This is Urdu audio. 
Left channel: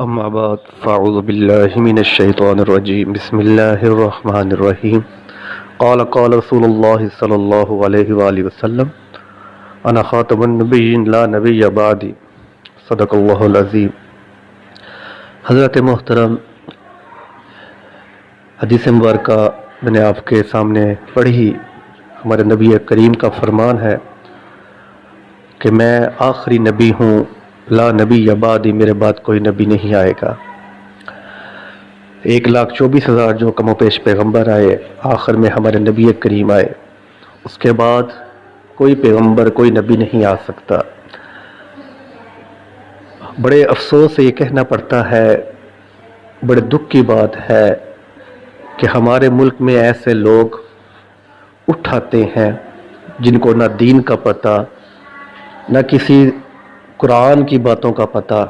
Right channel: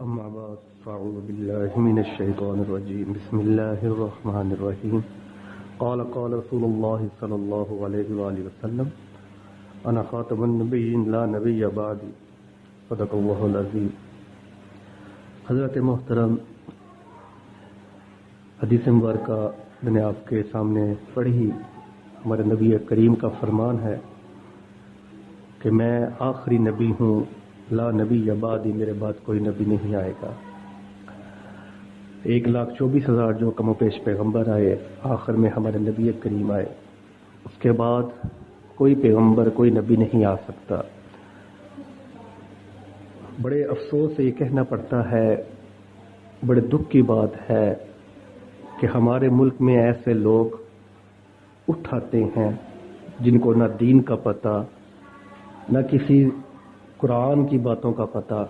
أما بعد فأعوذ بالله من الشيطان الرجيم بسم الله الرحمن الرحيم قال رسول الله صلى الله عليه وآله وسلم أنا خاتم النبيين لا نبي بعدي صدق اللہ العظیم۔ حضرت محترم، حدیث مبارکہ میں نے آپ کے سامنے پڑھی۔ ہمارے نبی کریم کا فرمان ہے کہ میں آخری نبی ہوں، لا نبی بعدی، میرے بعد کوئی نبی نہیں آئے گا۔ 1,24,000 جو کم و پیش پیغمبر آئے، آخر میں ہمارے نبی کریم آئے، اس کے بعد کوئی پیغمبر کوئی نبی نہیں آ سکتا۔ بڑے افسوس سے یہ کہنا پڑتا ہے، بڑے دکھ کی بات ہے کہ ہمارے ملک میں ایسے لوگ اٹھاتے ہیں جن کو نہ دین کا پتہ، نہ کسی قرآن کی باتوں کا پتہ،